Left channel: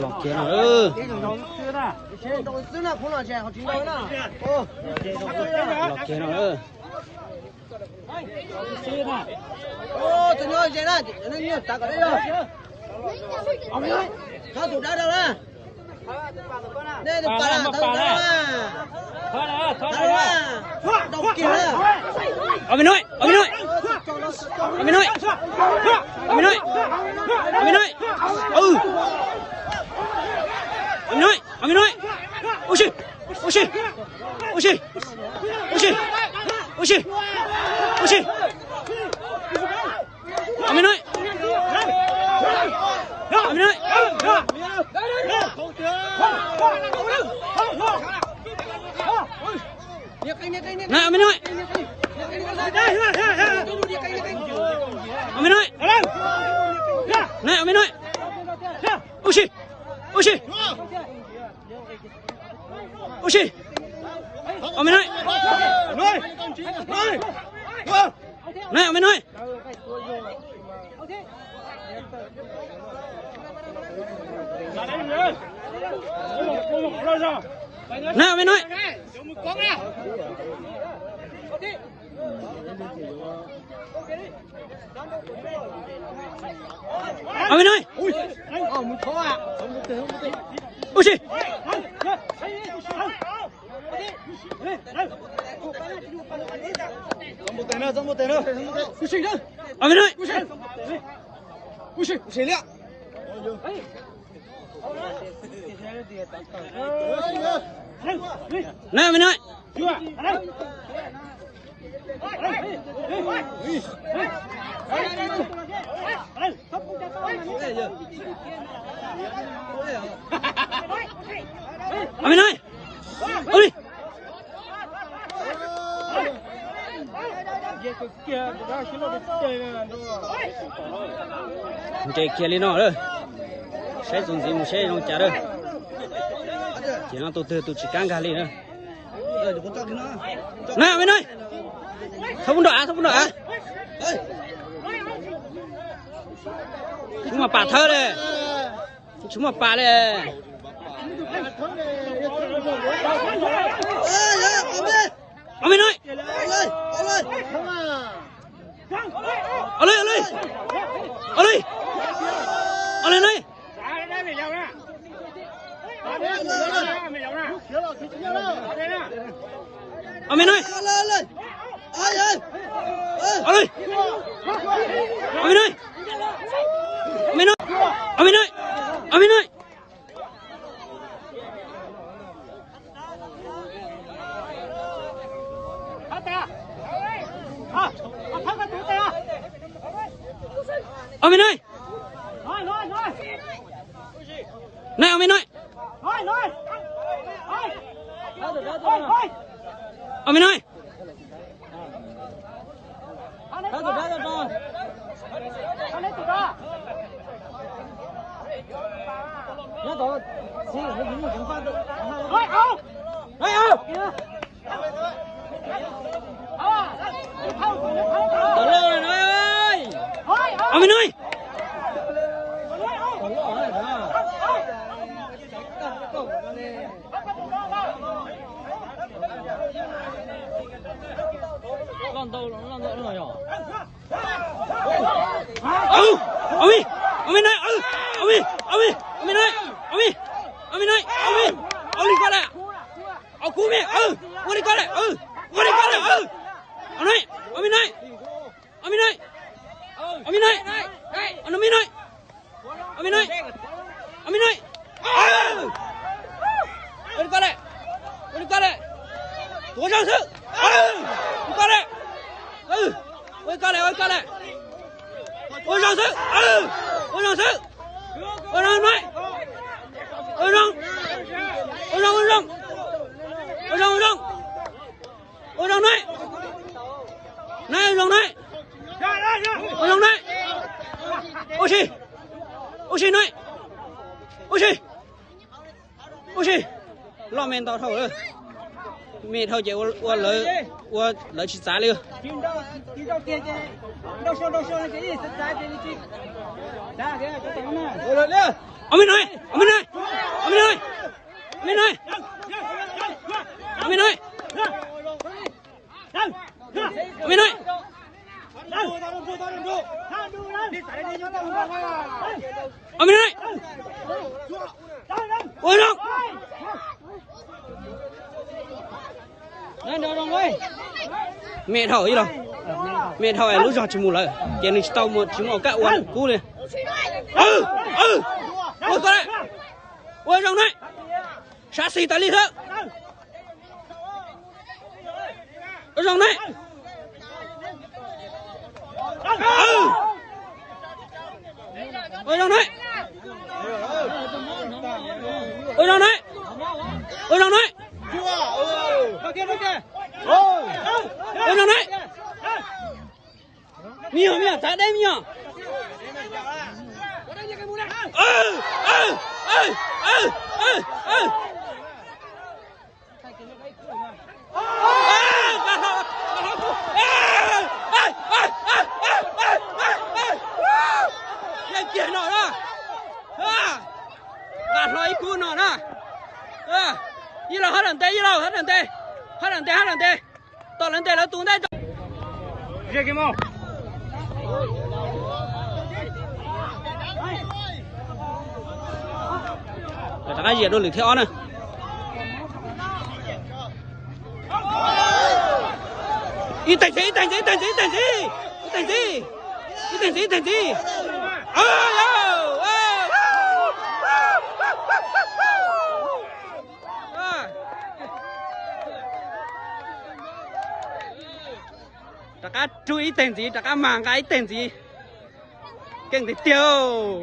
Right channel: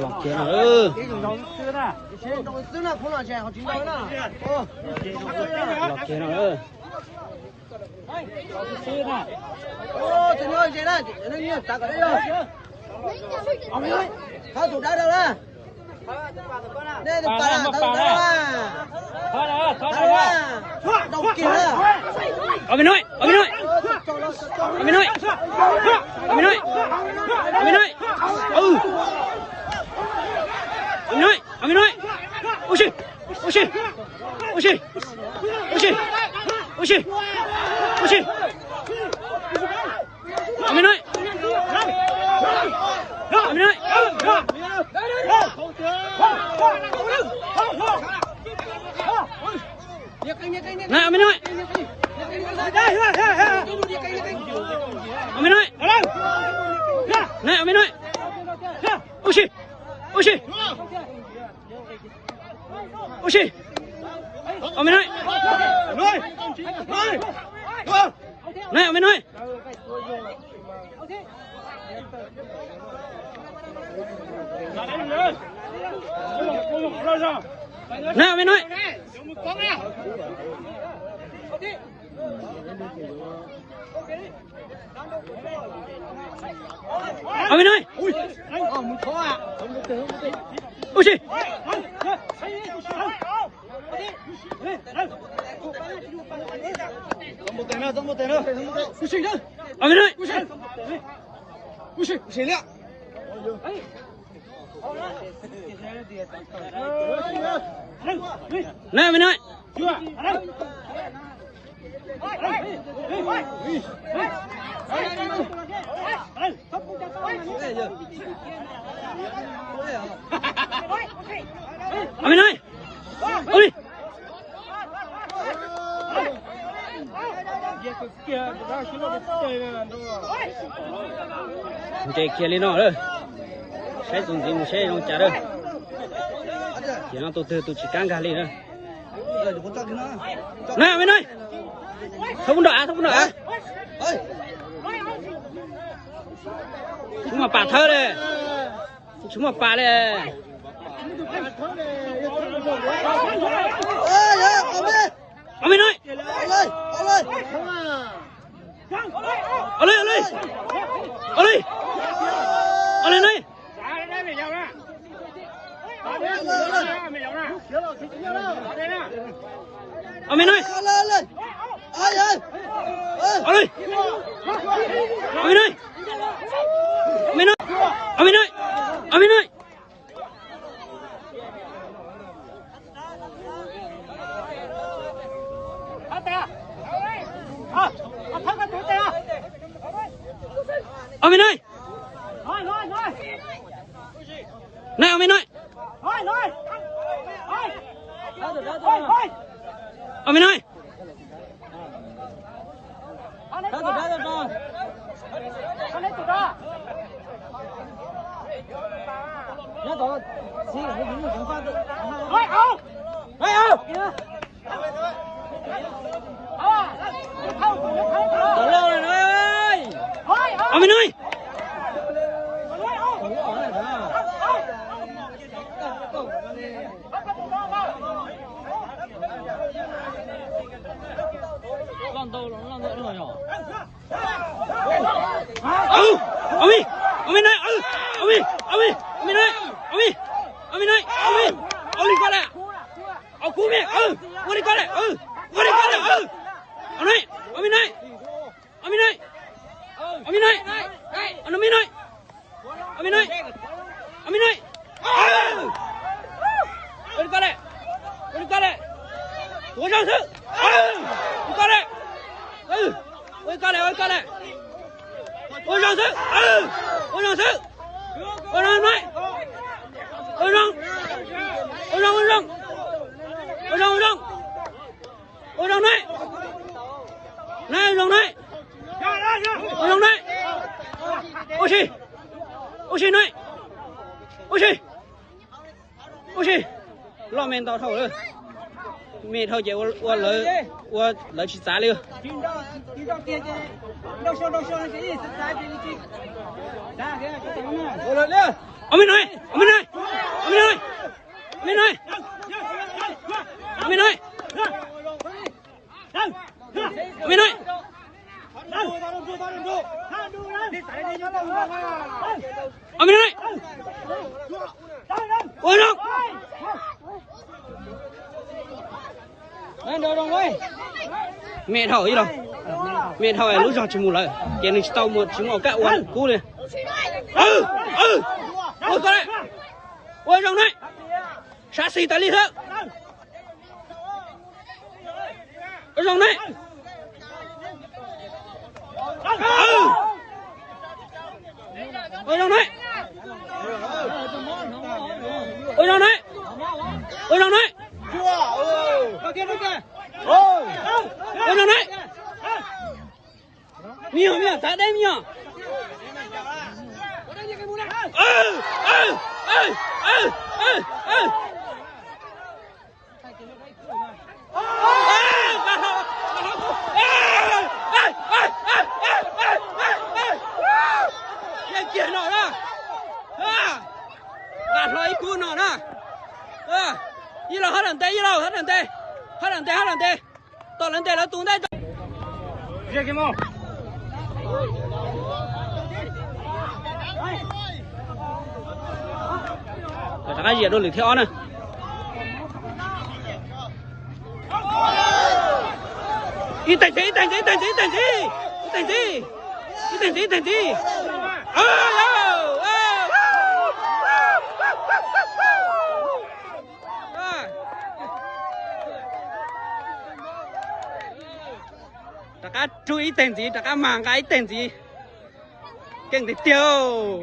lọt kia nữa lọt kia nữa ô thì nói gì đó nó nhiều ta có đấy rồi tháo tủ đá đâu ra đây được bà tháo tủ đá ra tháo ra đầu kia ở bên nói ở bên nói ở bên nói ở bên nói ở bên nói ừ ở bên nói ở bên nói ôi xì ôi xì ôi xì ôi xì ôi xì ôi xì ở bên nói ở bên nói nè ở bên nói ở bên nói nè ở bên nói ôi xì ôi xì ôi xì ở bên nói nè ở bên nói nè ở bên nói ở bên nói ôi xì ở bên nói nè ở bên nói ở bên này ôi đi kia lên nó ơi sẽ dùng sẽ không trả đâu chỉ nó tụt chỉ căng gà lên nữa nè ở bên này không đợi chúng mà bà thơ đây chúng mà bà đây ở bên này ở đây ở bên này nè ở bên này ở bên này ở bên này lo men tao thôi mẹ thôi chị qua lợi chỉ trả liền rồi lên Ông bên này, ông bên này, ông bên này, ông bên này, ông bên này, ông bên này. Ông bên này. Ôi đâu. Đây đâu đâu đây. Mẹ thở gì đâu. Mẹ thở lúc giờ chỉ muốn lại. Cái này tao một chúng nó cạo quần cú này. Ôi con đấy. Ôi rồng đấy. Sát xì ta đi thôi. Ôi rồng đấy. Ôi rồng đấy. Ôi rồng đấy. Ôi rồng đấy. Ôi rồng đấy. Miệng miệng tại đây miệng. Chuyện nào đó, gạt lối cua nào đó, như là hết lần tê, tao lần tê là tung đây. Gì cái mông? Để cái gì đó lịch theo nữa. Đi thành gì. Tất cả chú ý tên gì, tất cả mang cái tên gì, cái gì tiêu.